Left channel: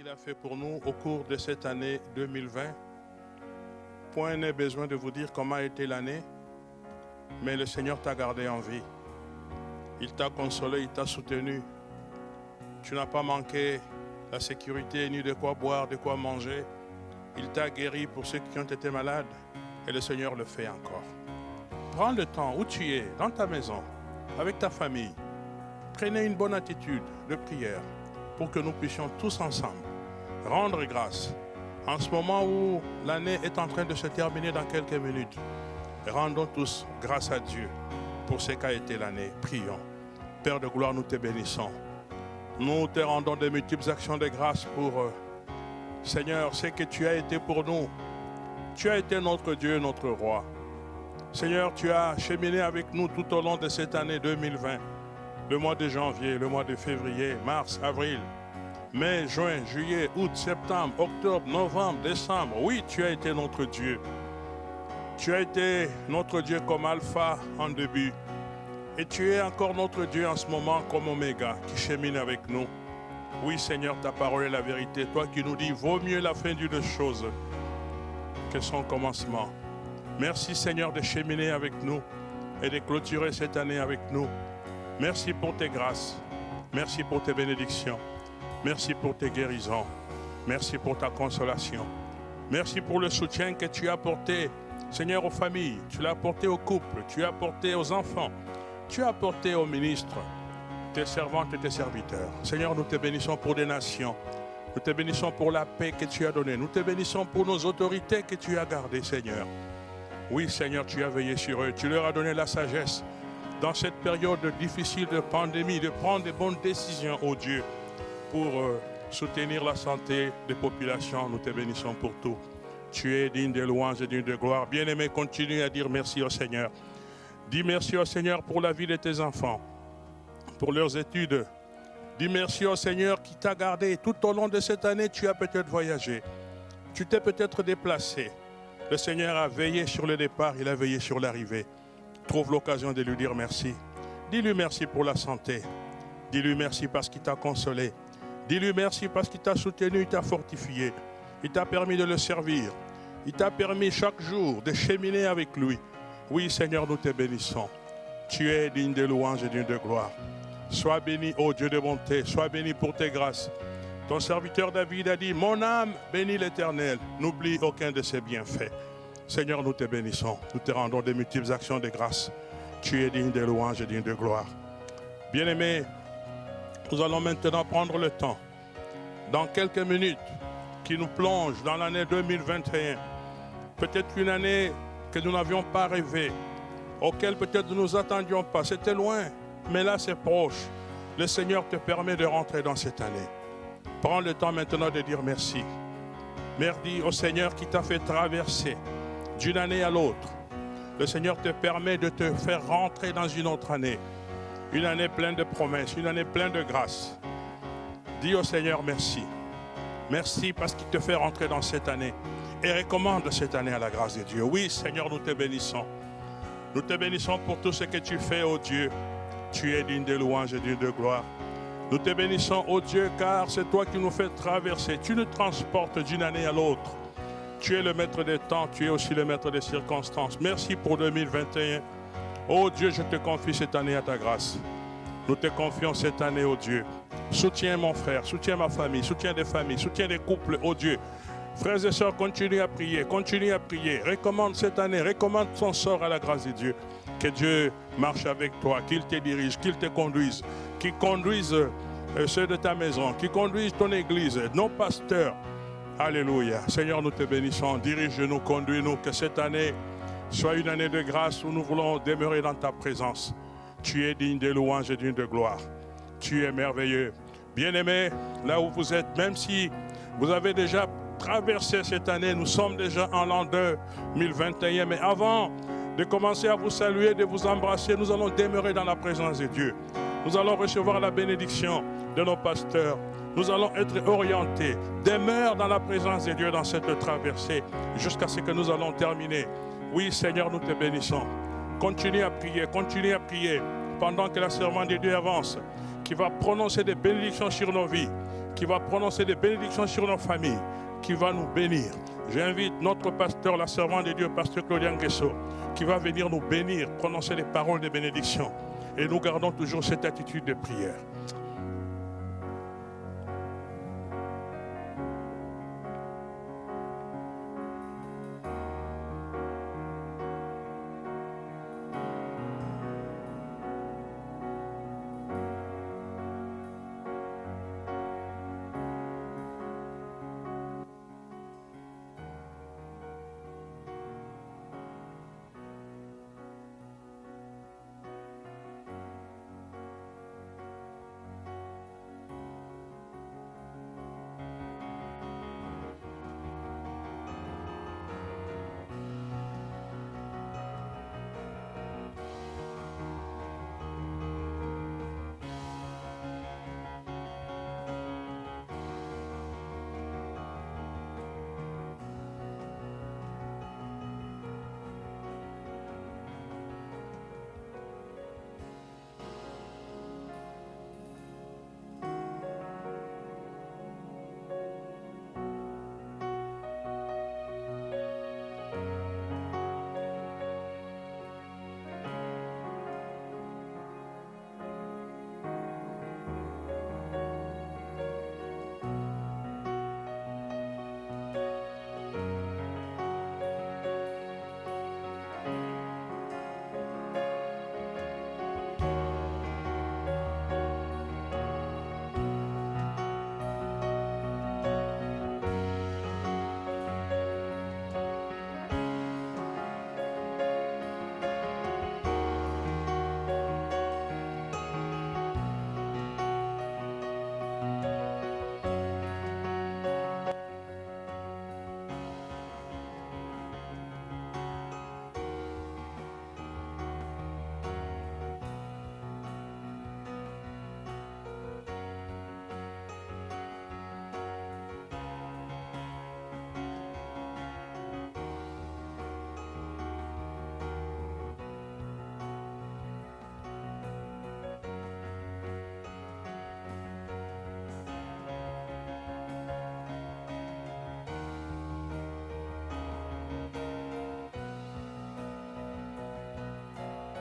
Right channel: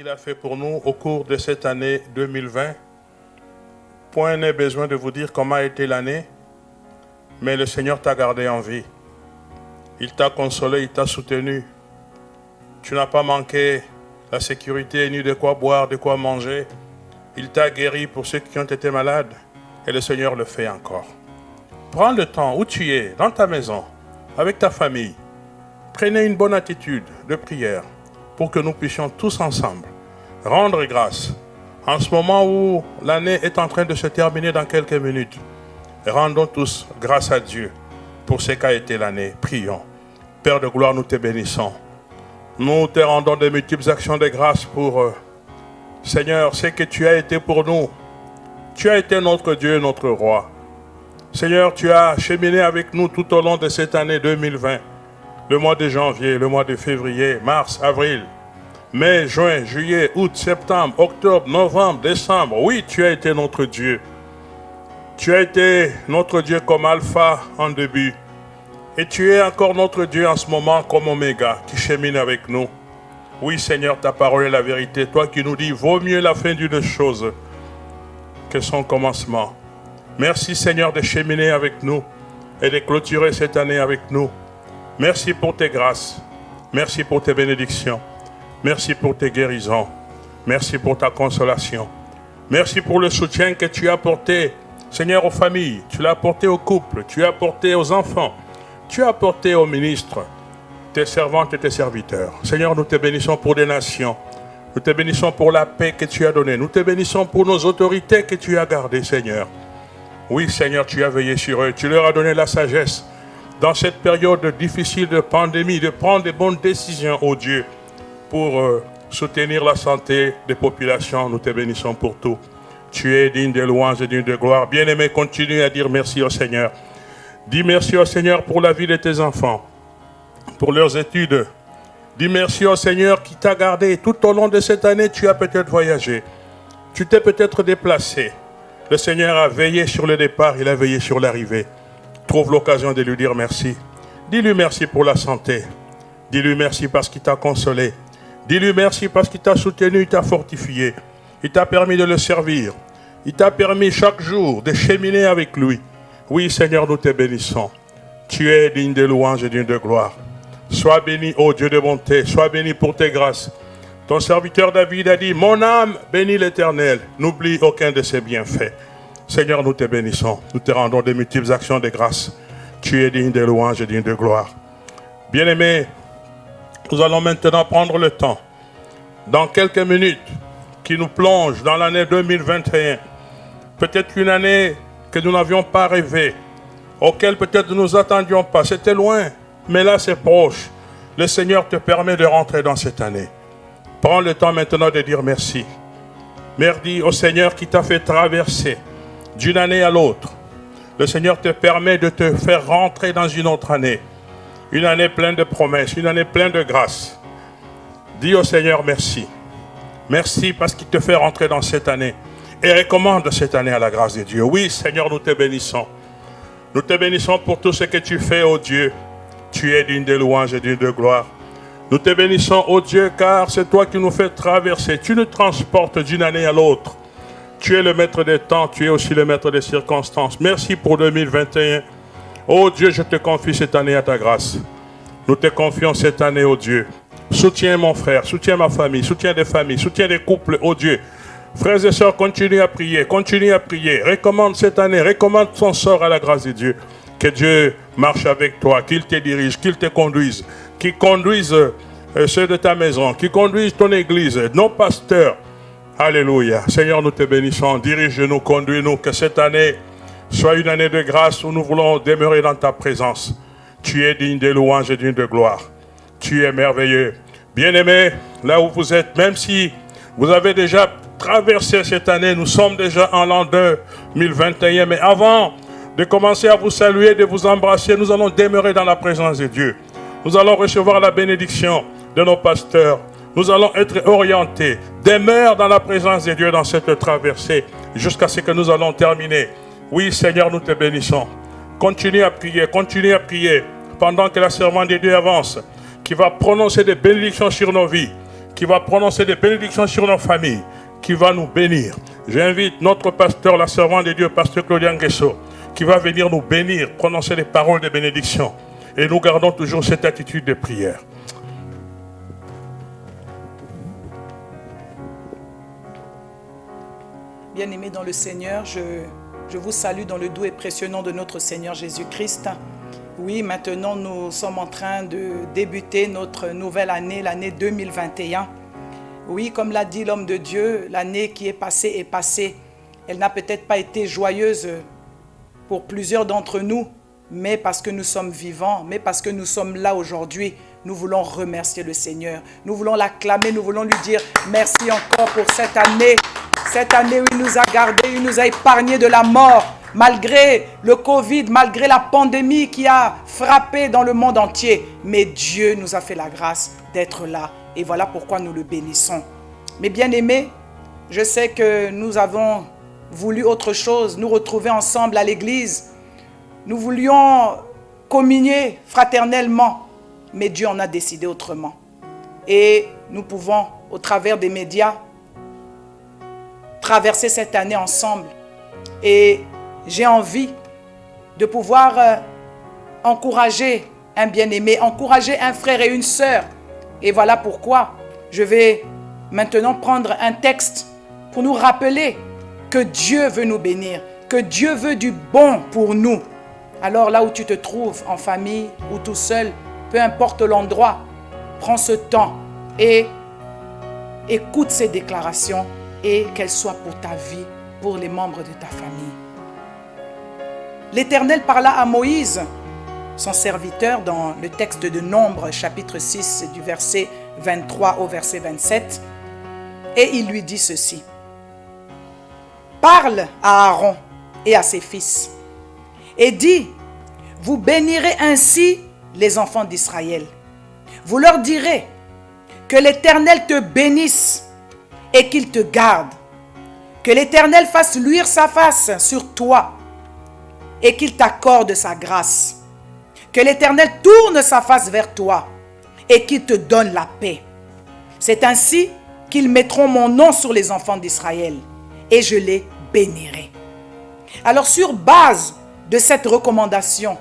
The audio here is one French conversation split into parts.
qu'il a fait pour nous au cours de cette année 2020. Point n'est besoin de vous dire comment a été l'année, mais le Seigneur t'a gardé en vie. Il t'a consolé, il t'a soutenu. Tu n'as pas manqué la sécurité, ni de quoi boire, de quoi manger. Il t'a guéri pour ceux qui ont été malades, et le Seigneur le fait encore. Prends le temps où tu es, dans ta maison, avec ta famille. Prenez une bonne attitude de prière pour que nous puissions tous ensemble rendre grâce. En ce moment où l'année est en train de se terminer dans quelques minutes, rendons tous grâce à Dieu pour ce qu'a été l'année. Prions. Père de gloire, nous te bénissons. Nous te rendons de multiples actions de grâce pour, Seigneur, ce que tu as été pour nous. Tu as été notre Dieu, notre roi. Seigneur, tu as cheminé avec nous tout au long de cette année 2020. Le mois de janvier, le mois de février, mars, avril, mai, juin, juillet, août, septembre, octobre, novembre, décembre. Oui, tu as été notre Dieu. Tu as été notre Dieu comme Alpha en début. Et tu es encore notre Dieu en ce moment comme Oméga qui chemine avec nous. Oui, Seigneur, ta parole est la vérité. Toi qui nous dis, vaut mieux la fin d'une chose que son commencement. Merci, Seigneur, de cheminer avec nous et de clôturer cette année avec nous. Merci pour tes grâces. Merci pour tes bénédictions. Merci pour tes guérisons. Merci pour ta consolation. Merci pour le soutien que tu as apporté, Seigneur, aux familles. Tu l'as apporté aux couples. Tu as apporté aux enfants. Tu as apporté aux ministres, tes servantes et tes serviteurs. Seigneur, nous te bénissons pour des nations. Nous te bénissons pour la paix que tu as donnée. Nous te bénissons pour nos autorités que tu as gardées, Seigneur. Oui, Seigneur, tu as veillé sur eux. Tu leur as donné la sagesse dans cette période difficile de pandémie, de prendre de bonnes décisions, oh Dieu, pour soutenir la santé des populations. Nous te bénissons pour tout. Tu es digne de louange et digne de gloire. Bien-aimé, continue à dire merci au Seigneur. Dis merci au Seigneur pour la vie de tes enfants, pour leurs études. Dis merci au Seigneur qui t'a gardé. Tout au long de cette année, tu as peut-être voyagé. Tu t'es peut-être déplacé. Le Seigneur a veillé sur le départ, il a veillé sur l'arrivée. Trouve l'occasion de lui dire merci. Dis-lui merci pour la santé. Dis-lui merci parce qu'il t'a consolé. Dis-lui merci parce qu'il t'a soutenu, il t'a fortifié. Il t'a permis de le servir. Il t'a permis chaque jour de cheminer avec lui. Oui, Seigneur, nous te bénissons. Tu es digne de louange et digne de gloire. Sois béni, ô Dieu de bonté. Sois béni pour tes grâces. Ton serviteur David a dit, mon âme bénit l'Éternel. N'oublie aucun de ses bienfaits. Seigneur, nous te bénissons. Nous te rendons de multiples actions de grâce. Tu es digne de louange et digne de gloire. Bien-aimés, nous allons maintenant prendre le temps, dans quelques minutes, qui nous plonge dans l'année 2021. Peut-être une année que nous n'avions pas rêvé, auquel peut-être nous nous attendions pas. C'était loin, mais là c'est proche. Le Seigneur te permet de rentrer dans cette année. Prends le temps maintenant de dire merci. Merci au Seigneur qui t'a fait traverser d'une année à l'autre. Le Seigneur te permet de te faire rentrer dans une autre année. Une année pleine de promesses, une année pleine de grâce. Dis au Seigneur merci. Merci parce qu'il te fait rentrer dans cette année. Et recommande cette année à la grâce de Dieu. Oui, Seigneur, nous te bénissons. Nous te bénissons pour tout ce que tu fais, ô Dieu. Tu es digne de louange et digne de gloire. Nous te bénissons, ô Dieu, car c'est toi qui nous fais traverser. Tu nous transportes d'une année à l'autre. Tu es le maître des temps, tu es aussi le maître des circonstances. Merci pour 2021. Ô Dieu, je te confie cette année à ta grâce. Nous te confions cette année, ô Dieu. Soutiens mon frère, soutiens ma famille, soutiens des familles, soutiens des couples, ô Dieu. Frères et sœurs, continue à prier, continue à prier. Recommande cette année, recommande ton sort à la grâce de Dieu. Que Dieu marche avec toi, qu'il te dirige, qu'il te conduise, qu'il conduise ceux de ta maison, qu'il conduise ton église, nos pasteurs. Alléluia. Seigneur, nous te bénissons. Dirige-nous, conduis-nous. Que cette année soit une année de grâce où nous voulons demeurer dans ta présence. Tu es digne de louange et digne de gloire. Tu es merveilleux. Bien-aimés, là où vous êtes, même si vous avez déjà traversé cette année, nous sommes déjà en l'an 2021, mais avant de commencer à vous saluer, de vous embrasser, nous allons demeurer dans la présence de Dieu. Nous allons recevoir la bénédiction de nos pasteurs. Nous allons être orientés. Demeure dans la présence de Dieu dans cette traversée jusqu'à ce que nous allons terminer. Oui, Seigneur, nous te bénissons. Continue à prier pendant que la servante de Dieu avance, qui va prononcer des bénédictions sur nos vies, qui va prononcer des bénédictions sur nos familles, qui va nous bénir. J'invite notre pasteur, la servante de Dieu, pasteur Claudia Nguesso, qui va venir nous bénir, prononcer les paroles de bénédiction. Et nous gardons toujours cette attitude de prière. Bien-aimés dans le Seigneur, je vous salue dans le doux et précieux nom de notre Seigneur Jésus-Christ. Oui, maintenant nous sommes en train de débuter notre nouvelle année, l'année 2021. Oui, comme l'a dit l'homme de Dieu, l'année qui est passée. Elle n'a peut-être pas été joyeuse pour plusieurs d'entre nous, mais parce que nous sommes vivants, mais parce que nous sommes là aujourd'hui, nous voulons remercier le Seigneur. Nous voulons l'acclamer, nous voulons lui dire merci encore pour cette année. Cette année où il nous a gardés, il nous a épargnés de la mort, malgré le Covid, malgré la pandémie qui a frappé dans le monde entier. Mais Dieu nous a fait la grâce d'être là. Et voilà pourquoi nous le bénissons. Mais bien aimés, je sais que nous avons voulu autre chose, nous retrouver ensemble à l'église. Nous voulions communier fraternellement, mais Dieu en a décidé autrement. Et nous pouvons, au travers des médias, traverser cette année ensemble. Et j'ai envie de pouvoir encourager un bien-aimé, encourager un frère et une sœur. Et voilà pourquoi je vais maintenant prendre un texte pour nous rappeler que Dieu veut nous bénir, que Dieu veut du bon pour nous. Alors là où tu te trouves, en famille ou tout seul, peu importe l'endroit, prends ce temps et écoute ces déclarations et qu'elles soient pour ta vie, pour les membres de ta famille. L'Éternel parla à Moïse, son serviteur, dans le texte de Nombre, chapitre 6, du verset 23 au verset 27, et il lui dit ceci. Parle à Aaron et à ses fils, et dis, vous bénirez ainsi les enfants d'Israël. Vous leur direz que l'Éternel te bénisse et qu'il te garde. Que l'Éternel fasse luire sa face sur toi et qu'il t'accorde sa grâce. Que l'Éternel tourne sa face vers toi et qu'il te donne la paix. C'est ainsi qu'ils mettront mon nom sur les enfants d'Israël et je les bénirai. Alors sur base de cette recommandation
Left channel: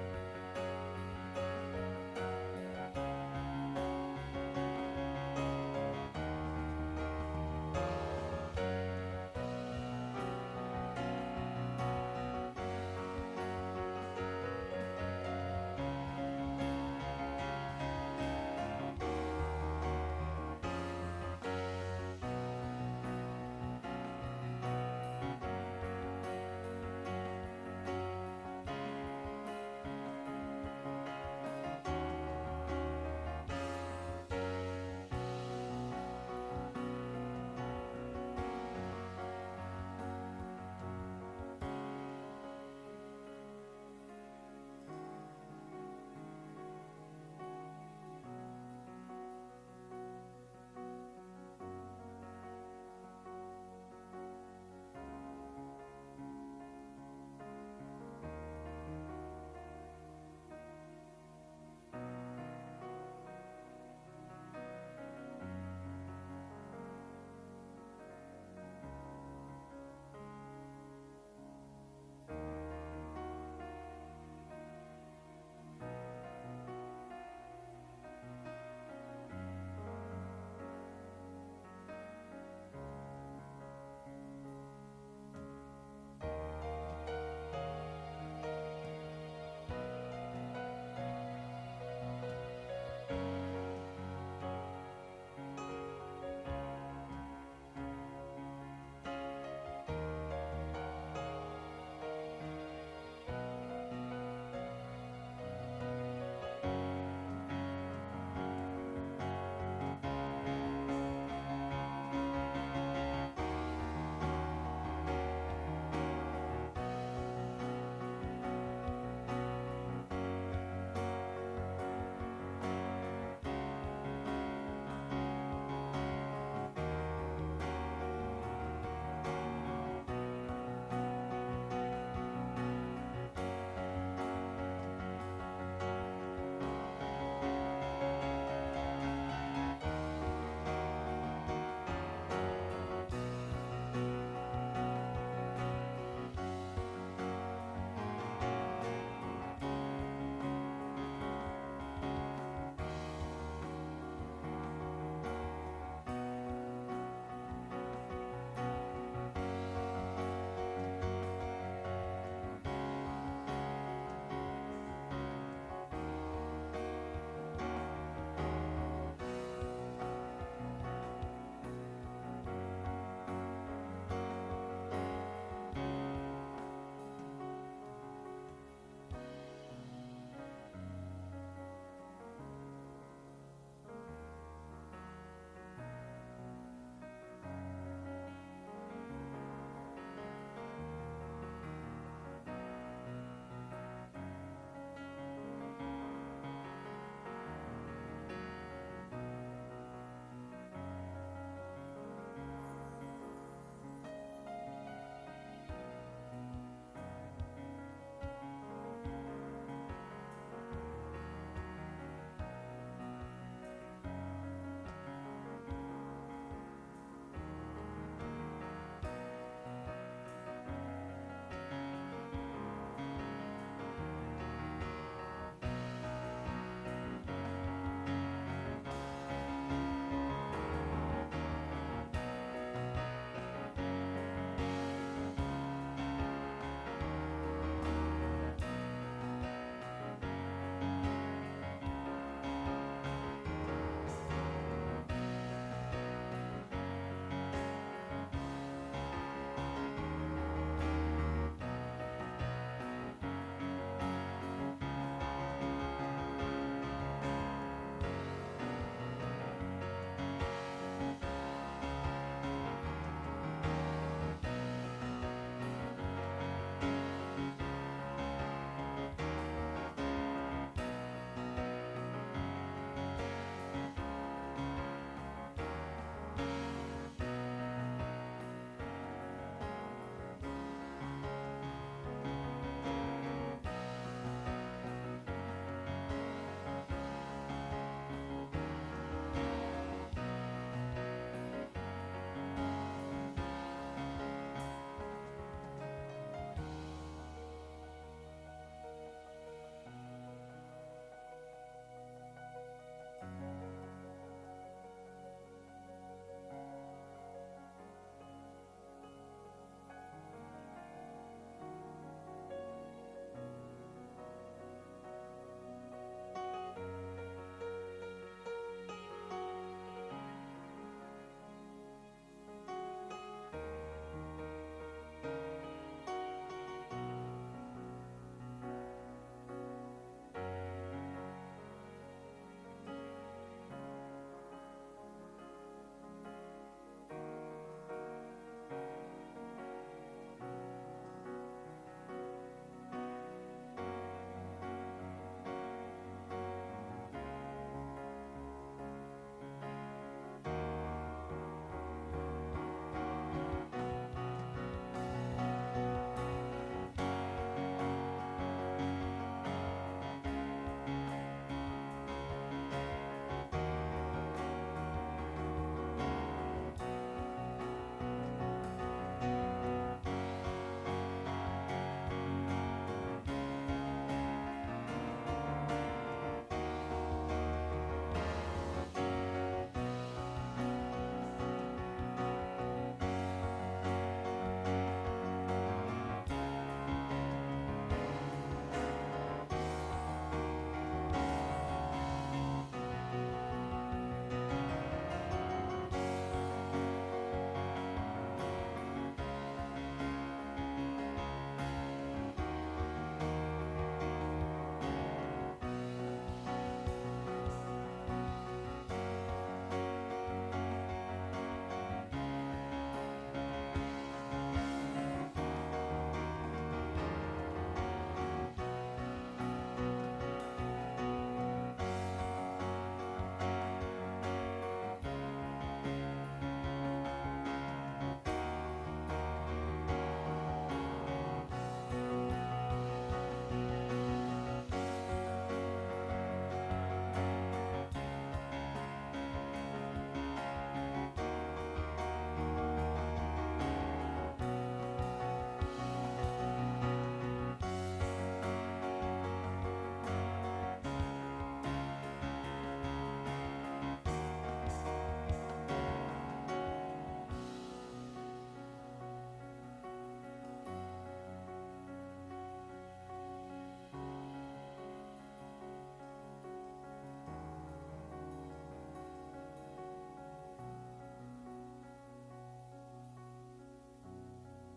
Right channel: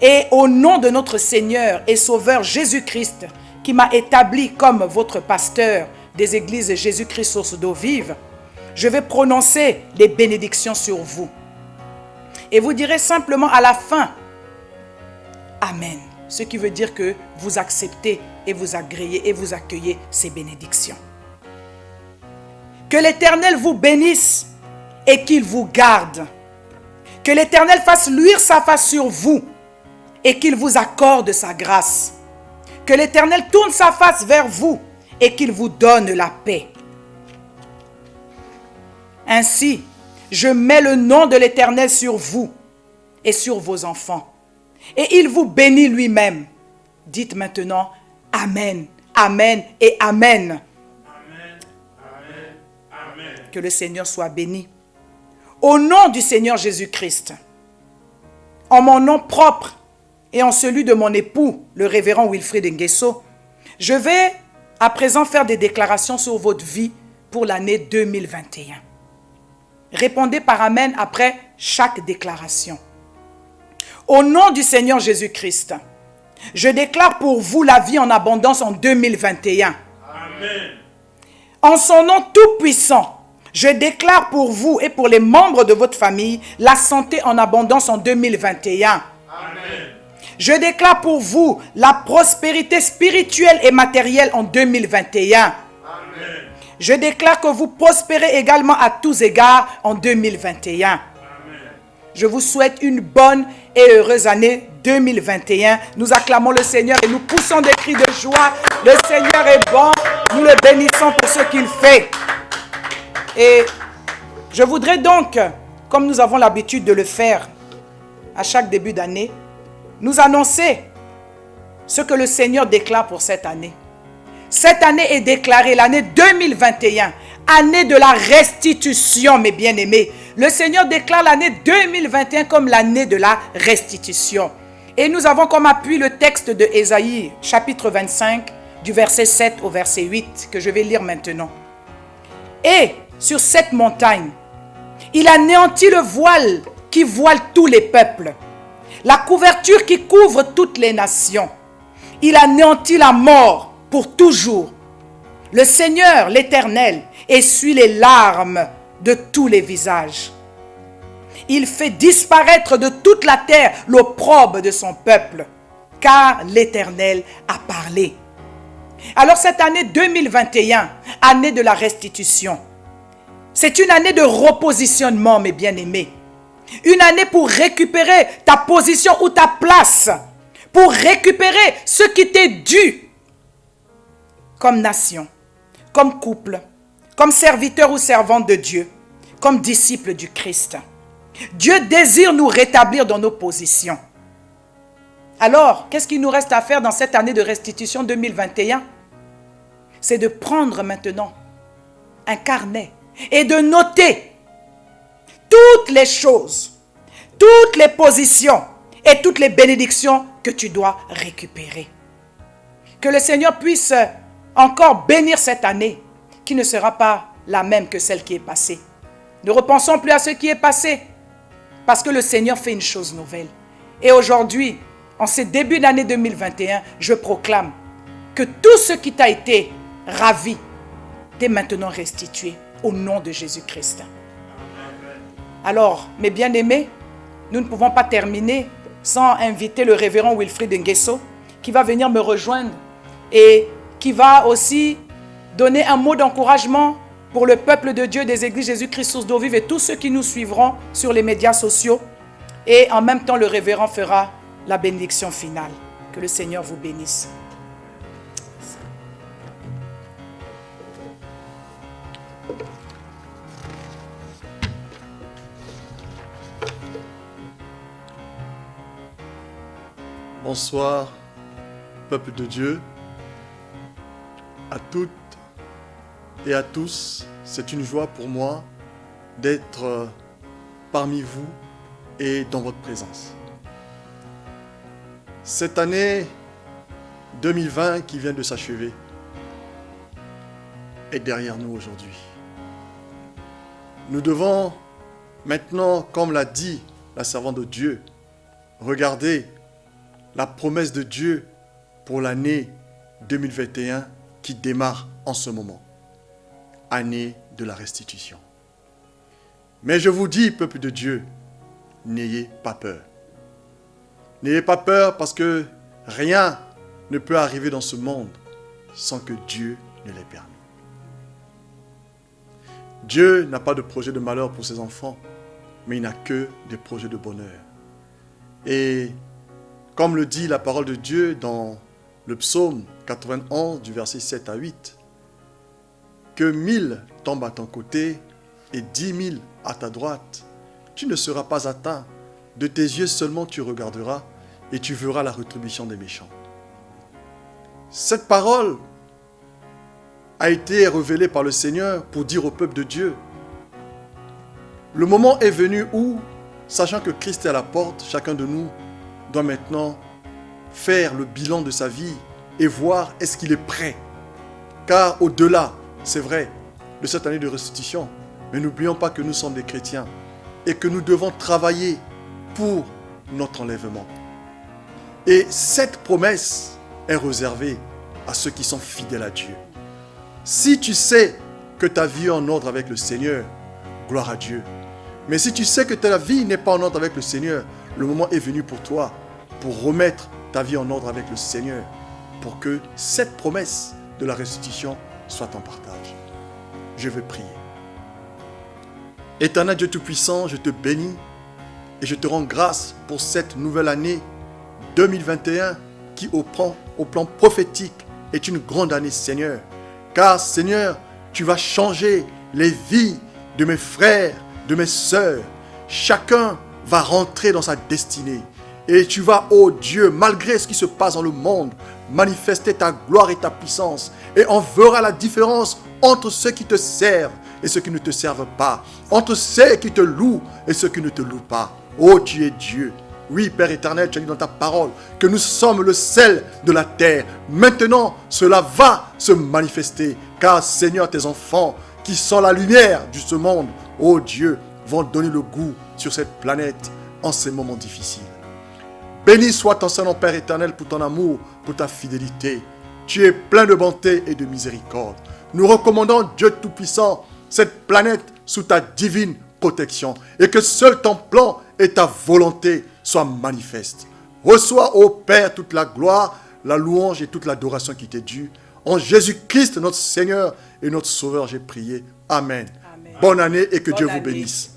et au nom de notre Seigneur et Sauveur Jésus-Christ qui m'a établi comme votre pasteur des églises Jésus-Christ source d'eau vive, je vais prononcer les bénédictions sur vous. Et vous direz simplement à la fin, Amen. Ce qui veut dire que vous acceptez et vous agréez et vous accueillez ces bénédictions. Que l'Éternel vous bénisse et qu'il vous garde. Que l'Éternel fasse luire sa face sur vous et qu'il vous accorde sa grâce. Que l'Éternel tourne sa face vers vous et qu'il vous donne la paix. Ainsi, je mets le nom de l'Éternel sur vous et sur vos enfants. Et il vous bénit lui-même. Dites maintenant Amen, Amen et Amen. Amen, Amen, Amen. Que le Seigneur soit béni. Au nom du Seigneur Jésus-Christ, en mon nom propre et en celui de mon époux, le révérend Wilfrid Nguesso, je vais à présent faire des déclarations sur votre vie pour l'année 2021. Répondez par Amen après chaque déclaration. Au nom du Seigneur Jésus-Christ, je déclare pour vous la vie en abondance en 2021. Amen. En son nom tout-puissant, je déclare pour vous et pour les membres de votre famille la santé en abondance en 2021. Amen. Je déclare pour vous la prospérité spirituelle et matérielle en 2021. Amen. Je déclare que vous prospérez également à tous égards en 2021. Amen. Je vous souhaite une bonne et heureuse année 2021. Nous acclamons le Seigneur et nous poussons des cris de joie. Le Seigneur est bon. Nous le bénissons pour ce qu'il fait. Et je voudrais donc, comme nous avons l'habitude de le faire à chaque début d'année, nous annoncer ce que le Seigneur déclare pour cette année. Cette année est déclarée l'année 2021, année de la restitution, mes bien-aimés. Le Seigneur déclare l'année 2021 comme l'année de la restitution. Et nous avons comme appui le texte de Ésaïe, chapitre 25, du verset 7 au verset 8, que je vais lire maintenant. Et sur cette montagne, il anéantit le voile qui voile tous les peuples, la couverture qui couvre toutes les nations. Il anéantit la mort pour toujours. Le Seigneur, l'Éternel, essuie les larmes de tous les visages. Il fait disparaître de toute la terre l'opprobre de son peuple, car l'Éternel a parlé. Alors cette année 2021, année de la restitution, c'est une année de repositionnement, mes bien-aimés. Une année pour récupérer ta position ou ta place, pour récupérer ce qui t'est dû comme nation, comme couple, comme serviteur ou servante de Dieu, comme disciple du Christ. Dieu désire nous rétablir dans nos positions. Alors, qu'est-ce qu'il nous reste à faire dans cette année de restitution 2021? C'est de prendre maintenant un carnet et de noter toutes les choses, toutes les positions et toutes les bénédictions que tu dois récupérer. Que le Seigneur puisse encore bénir cette année qui ne sera pas la même que celle qui est passée. Ne repensons plus à ce qui est passé parce que le Seigneur fait une chose nouvelle. Et aujourd'hui, en ce début d'année 2021, je proclame que tout ce qui t'a été ravi t'est maintenant restitué au nom de Jésus-Christ. Alors, mes bien-aimés, nous ne pouvons pas terminer sans inviter le révérend Wilfrid Nguesso qui va venir me rejoindre et qui va aussi donner un mot d'encouragement pour le peuple de Dieu des églises Jésus-Christ Source d'eau vive et tous ceux qui nous suivront sur les médias sociaux. Et en même temps, le révérend fera la bénédiction finale. Que le Seigneur vous bénisse. Bonsoir, peuple de Dieu, à toutes et à tous. C'est une joie pour moi d'être parmi vous et dans votre présence. Cette année 2020 qui vient de s'achever est derrière nous aujourd'hui. Nous devons maintenant, comme l'a dit la servante de Dieu, regarder la promesse de Dieu pour l'année 2021 qui démarre en ce moment. Année de la restitution. Mais je vous dis, peuple de Dieu, n'ayez pas peur. N'ayez pas peur parce que rien ne peut arriver dans ce monde sans que Dieu ne l'ait permis. Dieu n'a pas de projet de malheur pour ses enfants, mais il n'a que des projets de bonheur. Et comme le dit la parole de Dieu dans le psaume 91 du verset 7 à 8, que 1000 tombent à ton côté et 10 000 à ta droite, tu ne seras pas atteint. De tes yeux seulement tu regarderas et tu verras la rétribution des méchants. Cette parole a été révélée par le Seigneur pour dire au peuple de Dieu, le moment est venu où, sachant que Christ est à la porte, chacun de nous doit maintenant faire le bilan de sa vie et voir est-ce qu'il est prêt. Car au-delà, c'est vrai, de cette année de restitution, mais n'oublions pas que nous sommes des chrétiens et que nous devons travailler pour notre enlèvement. Et cette promesse est réservée à ceux qui sont fidèles à Dieu. Si tu sais que ta vie est en ordre avec le Seigneur, gloire à Dieu. Mais si tu sais que ta vie n'est pas en ordre avec le Seigneur, le moment est venu pour toi, pour remettre ta vie en ordre avec le Seigneur, pour que cette promesse de la restitution soit en partage. Je vais prier. Éternel Dieu Tout-Puissant, je te bénis et je te rends grâce pour cette nouvelle année 2021 qui au plan prophétique est une grande année, Seigneur. Car Seigneur, tu vas changer les vies de mes frères, de mes sœurs. Chacun va rentrer dans sa destinée. Et tu vas, ô Dieu, malgré ce qui se passe dans le monde, manifester ta gloire et ta puissance. Et on verra la différence entre ceux qui te servent et ceux qui ne te servent pas. Entre ceux qui te louent et ceux qui ne te louent pas. Ô Dieu est Dieu. Oui, Père éternel, tu as dit dans ta parole que nous sommes le sel de la terre. Maintenant, cela va se manifester. Car, Seigneur, tes enfants qui sont la lumière de ce monde, ô Dieu, vont donner le goût sur cette planète en ces moments difficiles. Béni soit ton Saint-Nom, Père éternel, pour ton amour, pour ta fidélité. Tu es plein de bonté et de miséricorde. Nous recommandons, Dieu Tout-Puissant, cette planète sous ta divine protection. Et que seul ton plan et ta volonté soient manifestes. Reçois, ô Père, toute la gloire, la louange et toute l'adoration qui t'est due. En Jésus-Christ, notre Seigneur et notre Sauveur, j'ai prié. Amen. Amen. Bonne année et que Bonne Dieu vous année. bénisse.